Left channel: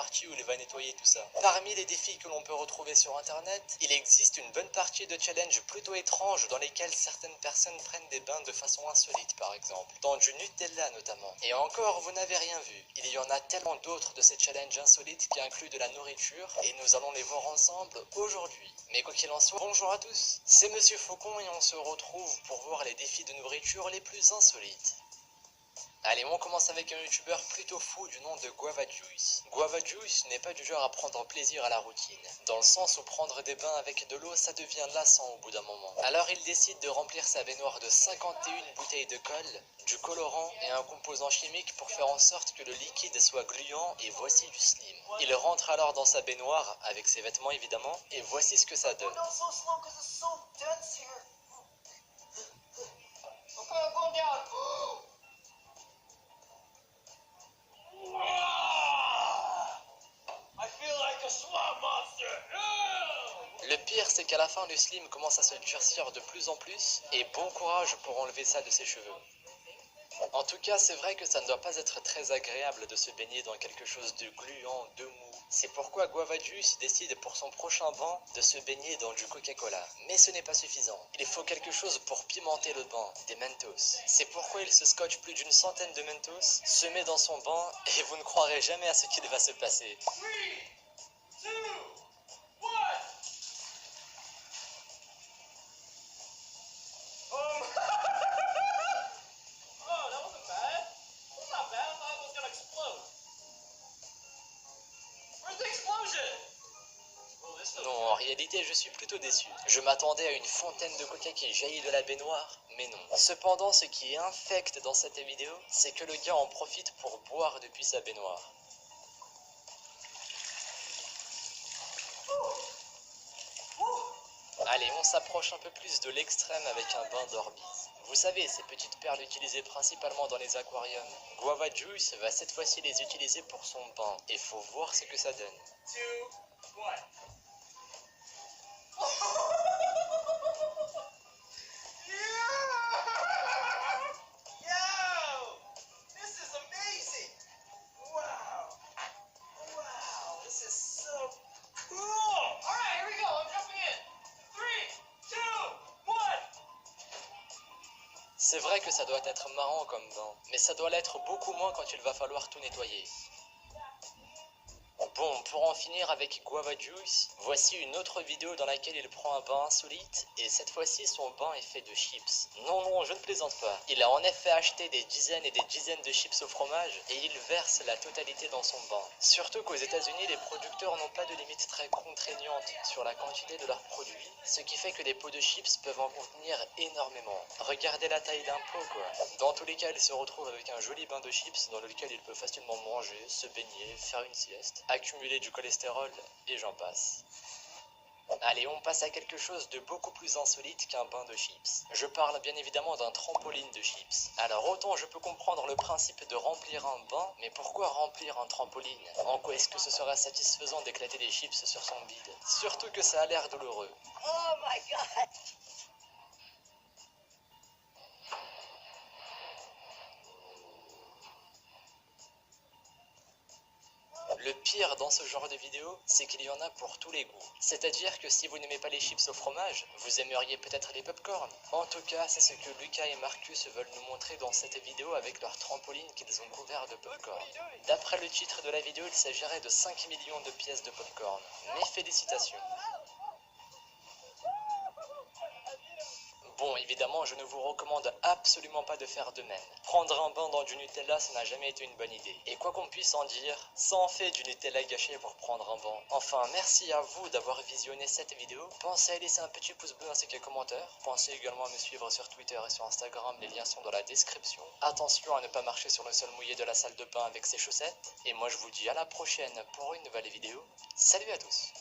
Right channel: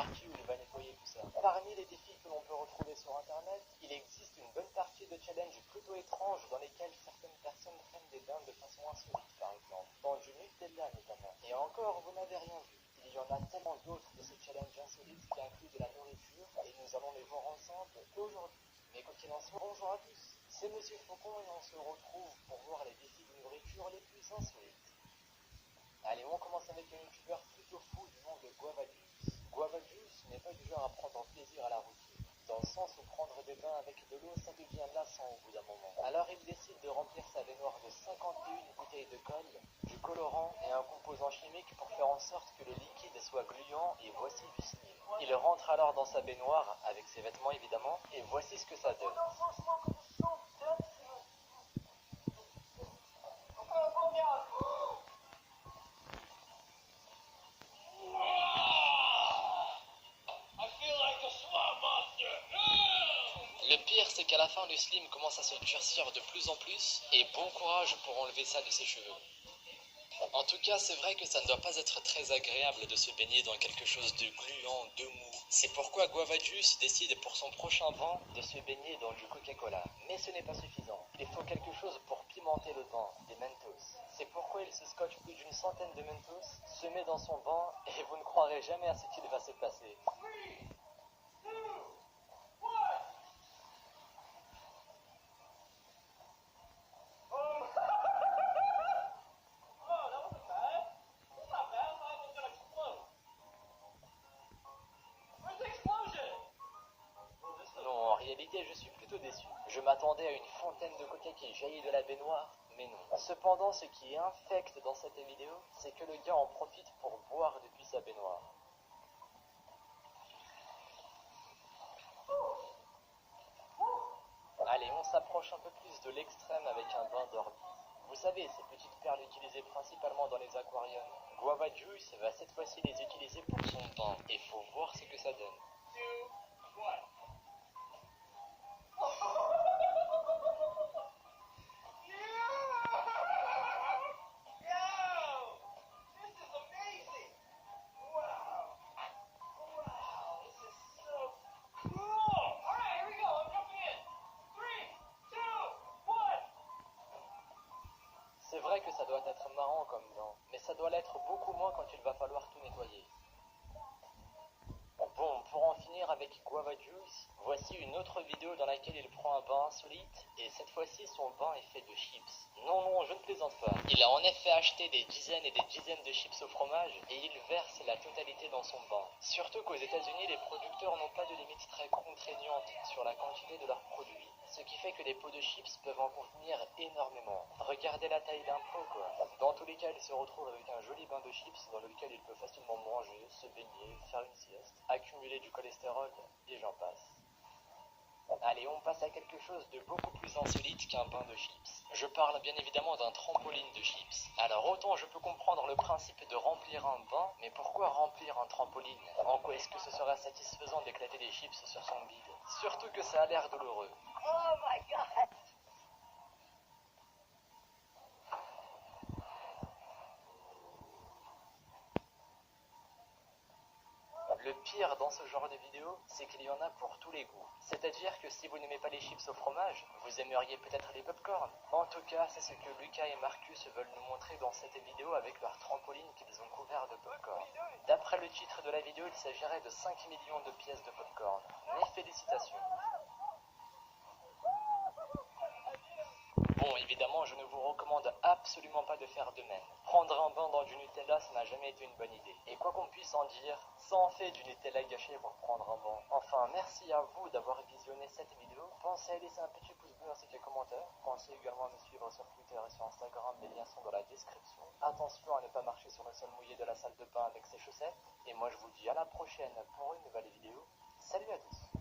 partie où il va nettoyer tout ça. Parmi les défis que l'on peut retrouver sur internet, il existe une bonne partie de challenges plutôt étranges dans lesquels certaines personnes prennent des bains de façon insolite par exemple, dans du Nutella notamment. Et encore, vous n'avez rien vu. Il y en a tellement d'autres de ces challenges insolites qui incluent de la nourriture et nous allons les voir ensemble aujourd'hui. Mais quoi qu'il en soit, bonjour à tous, c'est Monsieur Faucon et on se retrouve pour voir les défis de nourriture les plus insolites. Allez, on commence avec un youtubeur plutôt fou du nom de Guava Juice. Guava Juice n'est pas du genre à prendre plaisir à la routine, dans le sens où prendre des bains avec de l'eau ça devient lassant au bout d'un moment. Alors il décide de remplir sa baignoire de 51 bouteilles de colle, du colorant et un composant chimique pour faire en sorte que le liquide soit gluant et voici du slim. Il rentre alors dans sa baignoire, avec ses vêtements évidemment, et voici ce que ça donne. Le pire, c'est qu'à la fin, le slim commence à se durcir de plus en plus, et bon courage pour enlever ça de ses cheveux. En tout cas, c'est vrai que ça ne doit pas être très agréable de se baigner dans quelque chose de gluant, de mou. C'est pourquoi Guava Juice décide pour son prochain bain de se baigner dans du Coca-Cola. Mais ce n'est pas suffisant. Il faut quelque chose pour pimenter le bain, des Mentos. C'est pourquoi il se scotche plus d'une centaine de Mentos, se met dans son bain, et vous ne croirez jamais à ce qu'il va se passer. Non, en réalité, je suis plutôt déçu. Je m'attendais à une fontaine de coca qui jaillit de la baignoire, mais non. Cependant, ce qui est infect dans cette vidéo, c'est que le gars en profite pour boire depuis sa baignoire. Allez, on s'approche un peu plus de l'extrême avec un bain d'Orbis. Vous savez, ces petites perles utilisées principalement dans les aquariums. Guava Juice va cette fois-ci les utiliser pour son bain, et faut voir ce que ça donne. C'est vrai que ça doit être marrant comme bain, mais ça doit l'être beaucoup moins quand il va falloir tout nettoyer. Bon, pour en finir avec Guava Juice, voici une autre vidéo dans laquelle il prend un bain insolite, et cette fois-ci son bain est fait de chips. Non, non, je ne plaisante pas. Il a en effet acheté des dizaines et des dizaines de chips au fromage, et il verse la totalité dans son bain. Surtout qu'aux États-Unis, les producteurs n'ont pas de limite très contraignante sur la quantité de leurs produits, ce qui fait que des pots de chips peuvent en contenir énormément. Regardez la taille d'un pot, quoi. Dans tous les cas, il se retrouve avec un joli bain de chips dans lequel il peut facilement manger, se baigner, faire une sieste, accumuler du cholestérol, et j'en passe. Allez, on passe à quelque chose de beaucoup plus insolite qu'un bain de chips. Je parle bien évidemment d'un trampoline de chips. Alors autant je peux comprendre le principe de remplir un bain, mais pourquoi remplir un trampoline? En quoi est-ce que ce sera satisfaisant d'éclater des chips sur son bide? Surtout que ça a l'air douloureux. Oh my god! Le pire dans ce genre de vidéo, c'est qu'il y en a pour tous les goûts. C'est-à-dire que si vous n'aimez pas les chips au fromage, vous aimeriez peut-être les pop-corn. En tout cas, c'est ce que Lucas et Marcus veulent nous montrer dans cette vidéo avec leur trampoline qu'ils ont couvert de pop-corn. D'après le titre de la vidéo, il s'agirait de 5 millions de pièces de pop-corn. Mes félicitations. Bon, évidemment, je ne vous recommande absolument pas de faire de même. Prendre un bain dans du Nutella, ça n'a jamais été une bonne idée. Et quoi qu'on puisse en dire, ça en fait du Nutella gâché pour prendre un bain. Enfin, merci à vous d'avoir visionné cette vidéo. Pensez à laisser un petit pouce bleu ainsi qu'un commentaire. Pensez également à me suivre sur Twitter et sur Instagram, les liens sont dans la description. Attention à ne pas marcher sur le sol mouillé de la salle de bain avec ses chaussettes. Et moi je vous dis à la prochaine pour une nouvelle vidéo. Salut à tous!